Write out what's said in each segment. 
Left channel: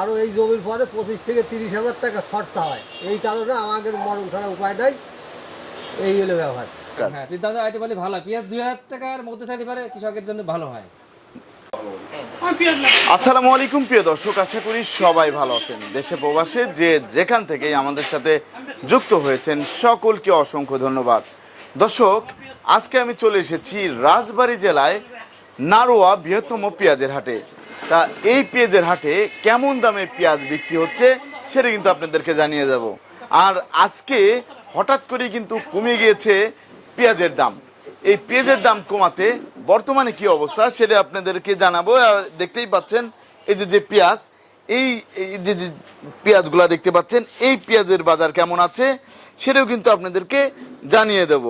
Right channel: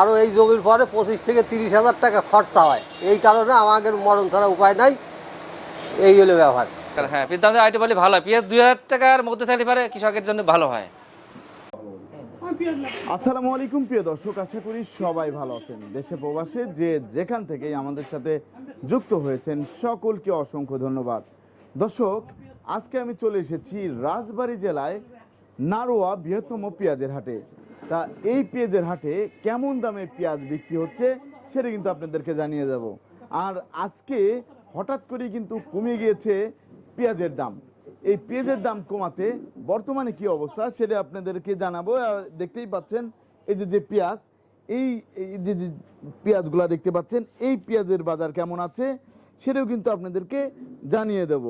আরও এই জমির পরে 25 থেকে 30 হাজার টাকা খরচা হয়। এই কারণে আমাদের মরণ ছাড়া উপায় নাই, এই হলো ব্যাপার। হ্যাঁ, পিস দাম আইটেম বলে ভালো হয়। পেঁয়াজ 2000 টাকার মধ্যে থাকলে পারে কৃষকের জন্য ভালো হয়। আসসালামু আলাইকুম প্রিয় দর্শক, আশা করি সবাই ভালো আছেন। দেশে প্রবাসে যে যেখান থেকেই আমাদের সাথে যুক্ত হয়েছেন সকলকে অসংখ্য ধন্যবাদ। দর্শক, আজকে আমি চলে এসেছি রাজবাড়ী জেলায় নারোয়া বৃহত্তম পেঁয়াজের হাটে। তা এই পেঁয়াজের হাটে কেমন দামে পেঁয়াজ বিক্রি হচ্ছে সেটা কিন্তু আপনাদেরকে জানিয়ে যাব। আর আজকে হঠাৎ করে কিন্তু কমে গিয়েছে পেঁয়াজের দাম। এই পেঁয়াজের দাম কমাতে বর্তমানে কি অবস্থা সেটা আপনাদেরকে জানাবো। আর দেখতেই পাচ্ছেন এই যে পেঁয়াজ, এই যে পেঁয়াজগুলা দেখতে পাচ্ছেন, এই পেঁয়াজের বাজার কেমন আছে সেটাও কিন্তু আপনাদেরকে জানিয়ে দেব।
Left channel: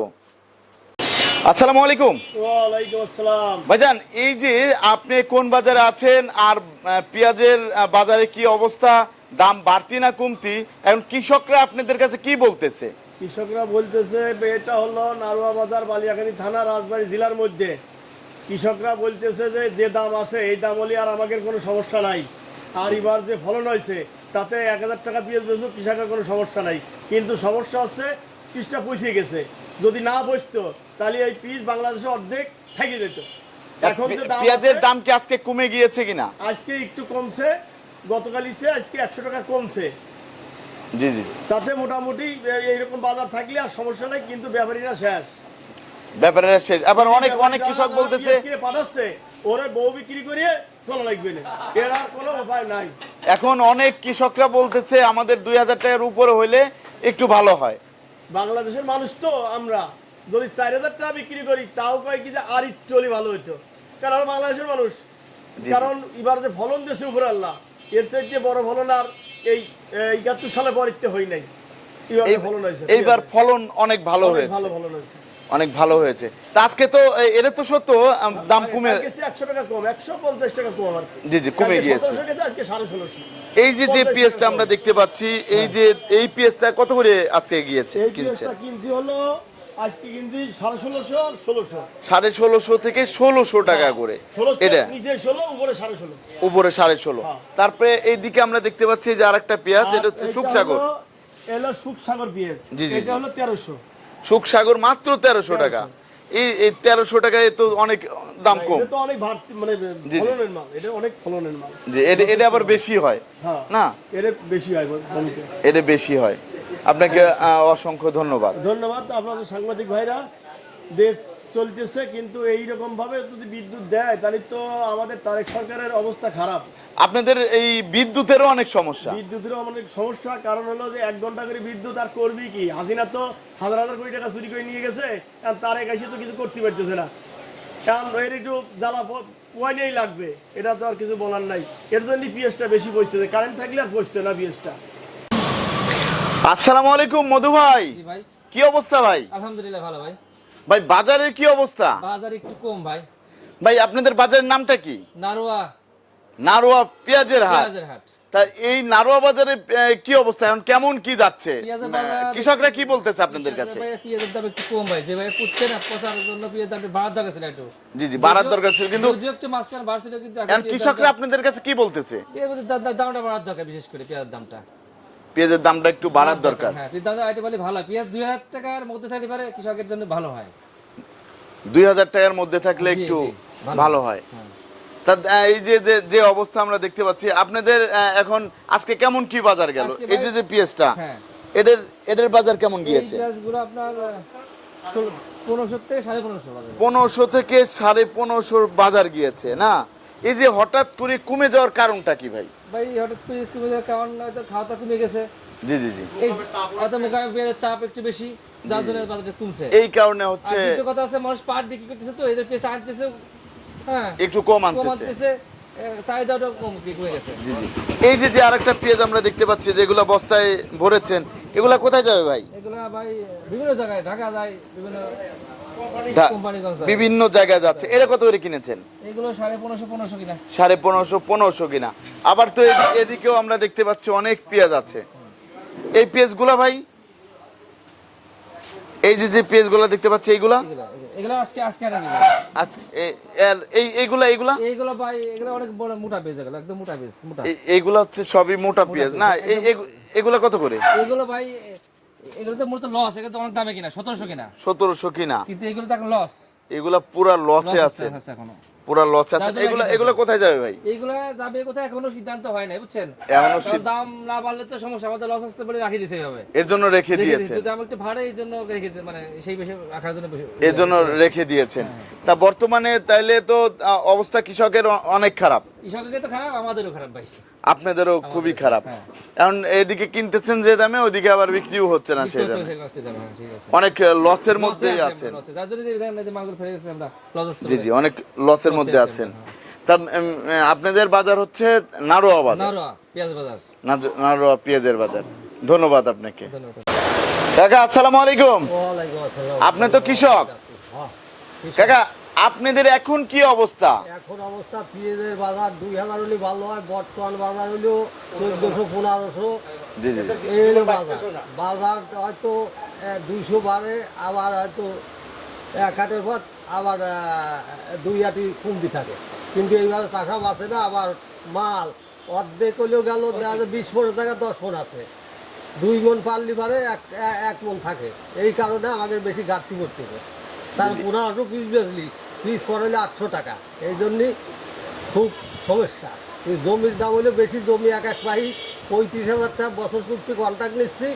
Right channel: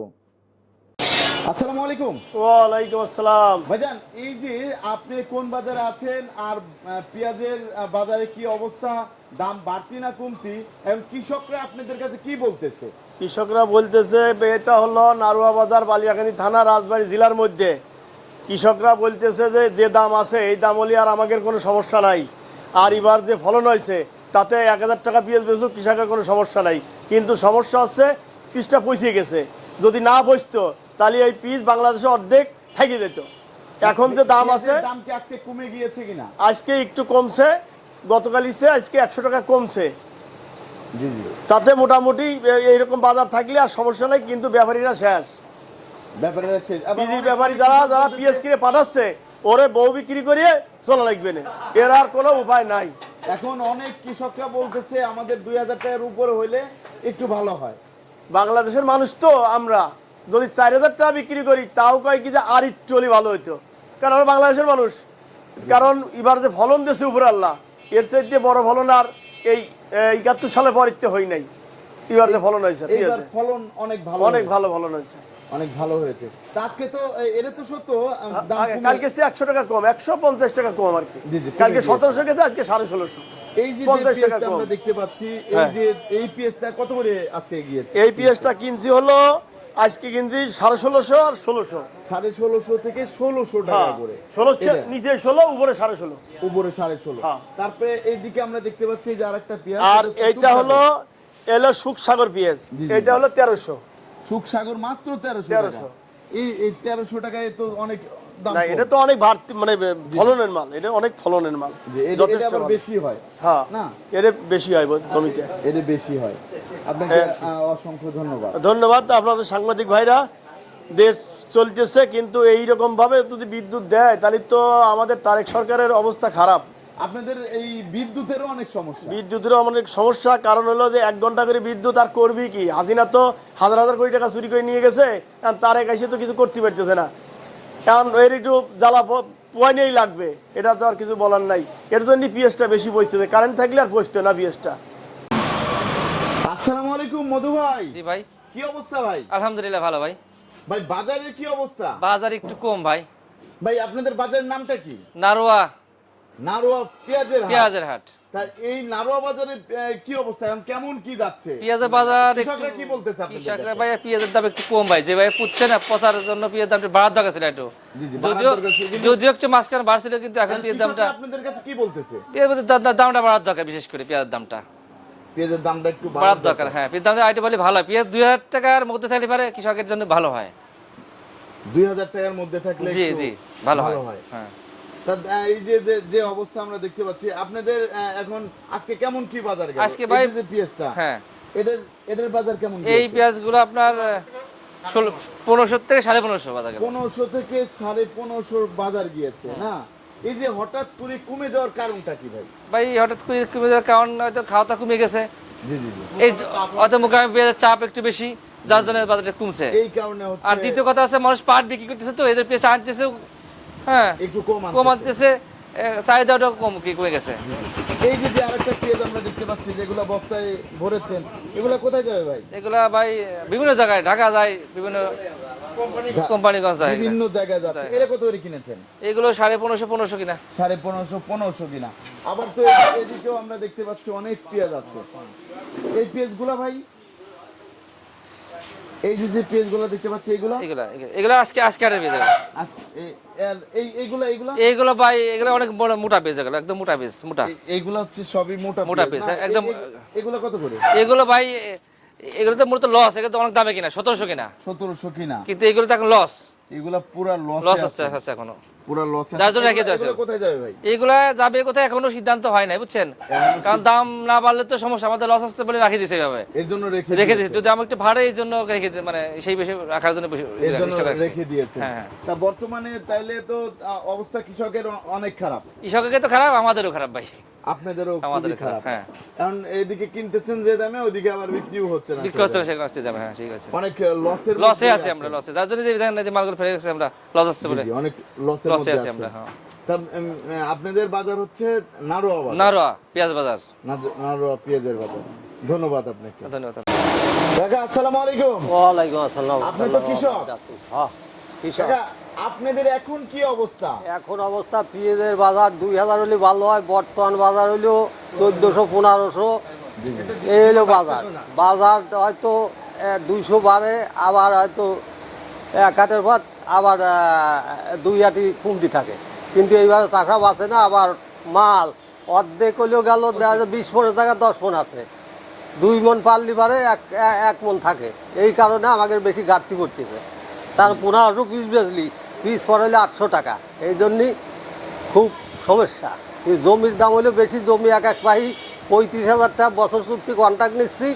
আসসালামু আলাইকুম। ওয়ালাইকুম আসসালাম। ভাইজান, এই যে আপনি কোন বাজারে আছেন আর পেঁয়াজের বাজারে কি অবস্থা, দাম বাড়তি না কমতি, এখন কৃষকরা আপনাদের কাছে কি বলতেছে? কৃষকরা বলতেছে এটা হলো নারুয়া বাজার, বালিয়াকানি থানা, রাজবাড়ী জেলার মধ্যে। কৃষকরা বলতেছে যে যে দাম আছে এই দাম হলে আর আমাদের কোনো সমস্যা নাই। আর এবার যে ফলন হয়েছে তাতে 1000 টাকা পেঁয়াজ বেচলেও কৃষকের কোনো সমস্যা নাই। কিন্তু সমস্যা হচ্ছে পিসটা পচিয়ে গেছে। যদি না বসতো তাহলে এই পিস বাংলাদেশে অর্ধেক থেকে যেত। এখন যে দাম আছে, দাম কি আজকে কমে গিয়েছে কিনা? আজকে একটু কমছে, গতকাল আজকে 100 টাকা কমছে। জি জি, তাতে মোটামুটি এইরকম বাজার থাকলে আর সমস্যা নেই, কিন্তু ব্যাপারীরা শেষ। ব্যাপারের শেষ। আবার অনেক কৃষক বলতেছে পাঠাচ্ছে ওরে বউ বিক্রি করিয়ে চলা লাগবে না, এর আর কোনো উপায় নাই। এখন অনেক কৃষকরা বলতেছে আমাদের 2000 টাকার উপরে হইলে একটু ভালো হয়। বাংলাদেশের মানুষ তো আমরা যদি 4000 টাকা বিক্রি করি তাও কয় কি যে আর একটু হলে ভালো হইতো, কারণ আমরা বাংলাদেশের মানুষ। কারণ এবার যে ফলন দিয়েছে উপরে আল্লাহ, এর চাইতে বড় ফলন আর এই 71 সালে পরিতে হই নাই। এবার যে ফলন হয়েছে, এইবার ফলন অনেক ভালো, অনেক ভালো ফলন হয়েছে, অনেক ভালো হয়েছে। তা আজকে তো এটা তো সত্য দাম কমে গেছে 100 টাকা কম, 150 টাকা কম আর কি। জি জি, কমে গিয়েছে। 1700 গেছে, আজকে 1650। এই যে পেঁয়াজটা আমরা দেখতে পাচ্ছি, এই যে এই পেঁয়াজটা কত করে আজকে গিয়েছে? এই পেঁয়াজটা কিনছি হলো আজকে কিনছি 1650 আর 1600, 1650 থেকে 1600 টাকা করে। 16 এটা নিচে 16, উপরে 1650, উপরে 1650। তারপরে এইদিকে আমরা দেখতে পাচ্ছি যে আরেকটা পেঁয়াজ, এটা হচ্ছে এটা হলো এলো সুখসাগর পেঁয়াজ। এটা হলো 1300। সুখসাগর মাত্র 1300 টাকা। এই 1300 টাকায় তো অনেক দাম কম। এটা তো অনেক বাড়তি, মানে ফলনের মাল, এটা অনেক ফলনের মাল। যে এটা আবার বেশি হয়। হ্যাঁ না, এটা বেশি হয় জমিতে, এটা বেশি হয়। আপনাকে অসংখ্য ধন্যবাদ। ধন্যবাদ আপনাদের সাংবাদিক ভাইরা। দেশ চলতেছে, কিন্তু এইরকম ভাবে যদি বিদ্যুৎ দেয় তাহলে তো আমাদের তারেক সরকারের অবস্থা খারাপ। আপনাদের এই বিদ্যুতেরও অনেক সমস্যা। বিদ্যুতেরও অনেক সমস্যা, কারণ হলো যে 1 ঘন্টা করে বিদ্যুৎ আর করবি কি? হাসিনা তো হাজার হাজার কোটি টাকা চুরি করে নিয়ে গেছে, কারণ তারেক এসে তো কিছু করতে পারতেছে না। কারণ এর একটু জ্বালা পয়নেই লাগবে, এটা তো আর কিছু বলার নাই। এর জন্য পিএসটা বেশি পৌঁছতেছে, কারেন্ট থাকলে আর পৌঁছতে না পিএসটা। আসসালামু আলাইকুম মধু ভাই। জি ভাই, কি অবস্থা ভাই? আলহামদুলিল্লাহ ভালো ভাই। ভাই বাজারের কি অবস্থা? বাজার একটু কম ভাই। ভাই আপনাদের বাজারের নামটা কি? নারোয়া নারোয়া পেঁয়াজের হাট। তা এই নারোয়া বাজারে কি অবস্থা, এখন কেমন কি যাচ্ছে? পেঁয়াজের বাজার কৃষকরা কি বলতেছে আপনাদের কাছে? ভাই পেঁয়াজের দাম একটু কম ভাই, যে ভাই পুচ্ছে না পচার জন্য পেঁয়াজের দাম বাড়ার দরকার ছিল একটু। জি জি, বাড়ার দরকার ছিল, কিন্তু যদিও একটু মাঝখানে বাড়ছিল, কিন্তু এখন কৃষকরা আপনাদের কাছে কি বলতেছে? পেঁয়াজের দামটা বাড়ার দরকার, বিশেষ করে পেঁয়াজের দামটা, পেঁয়াজের দামটা একটু বাড়ার দরকার। হ্যাঁ, পেঁয়াজের দামটা আইটেম বলে ভালো হয়। পেঁয়াজ 2000 টাকার মধ্যে থাকলে পারে কৃষকের জন্য ভালো হয়। 2000 টাকার মধ্যে থাকলে একটু ভালো হয়। হ্যাঁ, তা এই যে অবস্থা আমরা দেখতে পাচ্ছি আপনাদের, এখন আজকে কেমন কি বাজার গেল? এই যে পেঁয়াজটা, হ্যাঁ, এদের বাজার কেমন গিয়েছে? এই পেঁয়াজগুলো আপনার 1500 থেকে 1550 বাজার গেল। 1500 থেকে 1550 বাজার গিয়েছে না? এই যে হঠাৎ করে কমে যাওয়ার কারণটা কি ভাই? ভাই হঠাৎ করে কমে যাওয়ার কারণ হয়তো খাওয়া কমে গেছে। জি জি জি, এই অত মোকামে পেঁয়াজের চাপ একটু বেশি, যার জন্য বাজারটা কমছে। এই কারণে হচ্ছে। আর দ্বিতীয় কথা আছে, মানুষ পাট বিক্রি করতেছে, তো এদের পেঁয়াজ আনতেছে, হ্যাঁ একটু কম আনতেছে, চাহিদাটা কমে গেছে। জি জি। এই যে আরেকটা পেঁয়াজ আমরা দেখতে পাচ্ছি যেগুলো বস্তায় ভরেছেন, এগুলা কোথায় যাবে ভাই? এগুলা ভাই বিভিন্ন জায়গায়, ঢাকা যায়, বিভিন্ন কোম্পানিগঞ্জ যায়, বিভিন্ন জায়গায় যাচ্ছে। এরা কত করে কিনেছেন? এগুলো 1550 কিনা। 1550 কিনা। আবার তো এদিকেও আমরা দেখতে পাচ্ছি অনেক পেঁয়াজ আছে। এই পেঁয়াজগুলা ভাই এই যে পেঁয়াজগুলো দেখতে পাচ্ছি এইগুলা এগুলা এগুলা আজকে হাটের পেঁয়াজ আচ্ছা এইগুলা এইগুলা এইগুলো ভাই এগুলো অনেক বড় মোটা পেঁয়াজ, এগুলো একদম মোটা পেঁয়াজ, মোটা। এইগুলা হচ্ছে সবই মোটা মোটা পেঁয়াজ না? পেঁয়াজ, একদম। এগুলা কত করে? এগুলো ভাই এগুলো তো মূলত লস, এগুলো তো অনেক দামে কিনা, 1700 কিনা, 1700 কিনা, কিন্তু এগুলো তো এখন লস। এগুলা পুরা লসে আছে এখনো পুরা লসে যার আছে। জন্য এগুলো কোথায় যাবে ভাই? এগুলা যাবে কোথায় এখনো সিদ্ধান্ত হয় নাই, বুঝছেন? এখনো কারণ দাম না বাড়লে তো সমস্যা, আমাদের লস আসছে বলে রাখি দিছে এভাবে, এর জন্য রেখে দিয়েছে। দিয়েছে। যদি আমি একটু ভাড়া এই জন্য রেখে মানে সেই বেশি রাখার জন্য এর জন্য রেখে দিয়েছেন। হ্যাঁ। তা বর্তমানে তাইলে তো অবস্থা কৃষকের অনেক খারাপ, কৃষকের তো খারাপ, আমাদেরও খারাপ ভাই, আপনাদেরও খুবই আমাদেরও খারাপ। হ্যাঁ। এখন এদিকে কিনতেছেন যে দামে, ওইদিকে আবার বিক্রিও হচ্ছে না, বিক্রি হচ্ছে সে কষ্টে যাবে। হ্যাঁ, ঠিক আছে, অনেক লসের লসে মধ্যে আছি আছে। আমরা, লসে, যার জন্য যে বিধান যে মালগুলো ফেলে গেছে আমরা লস আসছে জি বলে। জি, অনেক লসের লসে মধ্যে আছি আছে। আমরা, হ্যাঁ। তা আপনাদের বাজার হচ্ছে নারোয়া বাজার, নারোয়া পেঁয়াজ বাজার। নারোয়া পেঁয়াজের বাজার। ধন্যবাদ আপনাকে। ধন্যবাদ। কাকা আসসালামু আলাইকুম। ওয়ালাইকুম আসসালাম। আপনি তো কৃষক। হ্যাঁ, কৃষক। কাকা আপনাদের এখন কি অবস্থা? এখন অবস্থা পেঁয়াজের বাজার 2000 হলে ভালো হয়, বর্তমান বাজার হইলো 1400-1500, জি জি জি। এই হলো বাজার। বাজার হয়তো 200 বাড়ে, আবার হয়তো এক হাটের পর আবার 2 হাটি কমতি থাকে, কিন্তু এইভাবে টাকা বাঁচে না। আবার মাল অর্ধেক হলেও গেল, দেখা যায় 20 টাকা 10 মন আছে, 2 মন পারলি পারে 1 মন থাকে। এই কারণে আমাদের বেশি ঘাটতি পড়তেছে। তার 1500 পিস বেচলি, পিস পরে হলে 800 টাকা, এই জন্যই খুব সমস্যা। এই জমির দাম হলে বেশি, জমি এক পাই 35,000 টাকা বছর চুক্তি কন্ট্রাক্ট নিচ্ছি,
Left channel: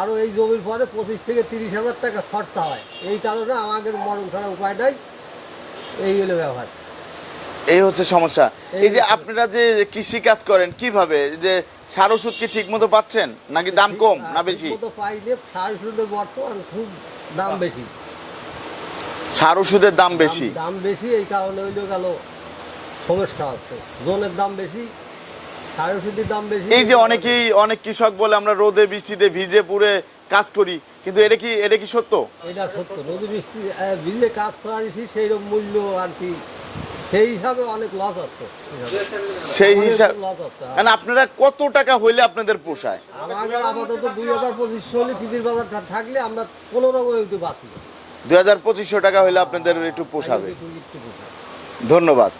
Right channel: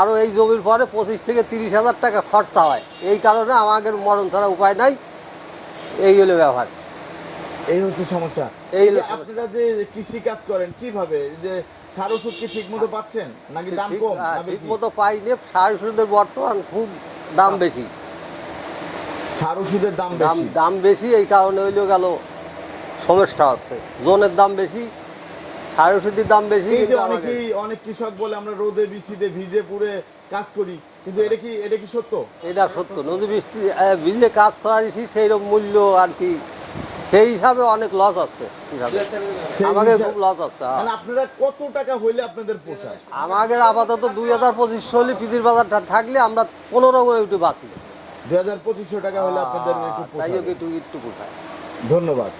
আরও এই জমির পরে 25 থেকে 30,000 টাকা খরচা হয়। এই কারণে আমাদের মরণ ছাড়া উপায় নাই, এই হলো ব্যবহার। এই হচ্ছে সমস্যা। এই এই যে হচ্ছে- আপনারা যে কৃষি কাজ করেন কিভাবে, যে সার ওষুধ কি ঠিক মতো পাচ্ছেন নাকি দাম কম না বেশি? মতো পাইলে সার ওষুধের বর্তমান খুব দাম বেশি, সার ওষুধের দাম বেশি। দাম বেশি, এই কারণে হইলো গেল সমস্যা হচ্ছে। জোনের দাম বেশি, সার ওষুধের দাম বেশি। এই যে কিন্তু অনেক কৃষক বলে আমরা রোদে বৃষ্টিতে ভিজে পুড়ে কাজ করি, কিন্তু এটা কি সত্য? এটা সত্য, নদী বৃষ্টি ভিজে কাজ করা দিছি, সেই রকম মূল্য আর কি, সেই হিসাবে অনেক লস হচ্ছে। সেই আমাদের হিসাব খুব লস হচ্ছে। মানে আপনারা কত টাকা হইলে আপনাদের পোষায়? আমাদের আপাতত 2025 হলে পিদির বাজারটা থাকলে আমরা 15 একটু বাঁচি। 2500 টাকা হইলে আপনাদের একটু পোষাবে। একটু পোষায়। ধন্যবাদ।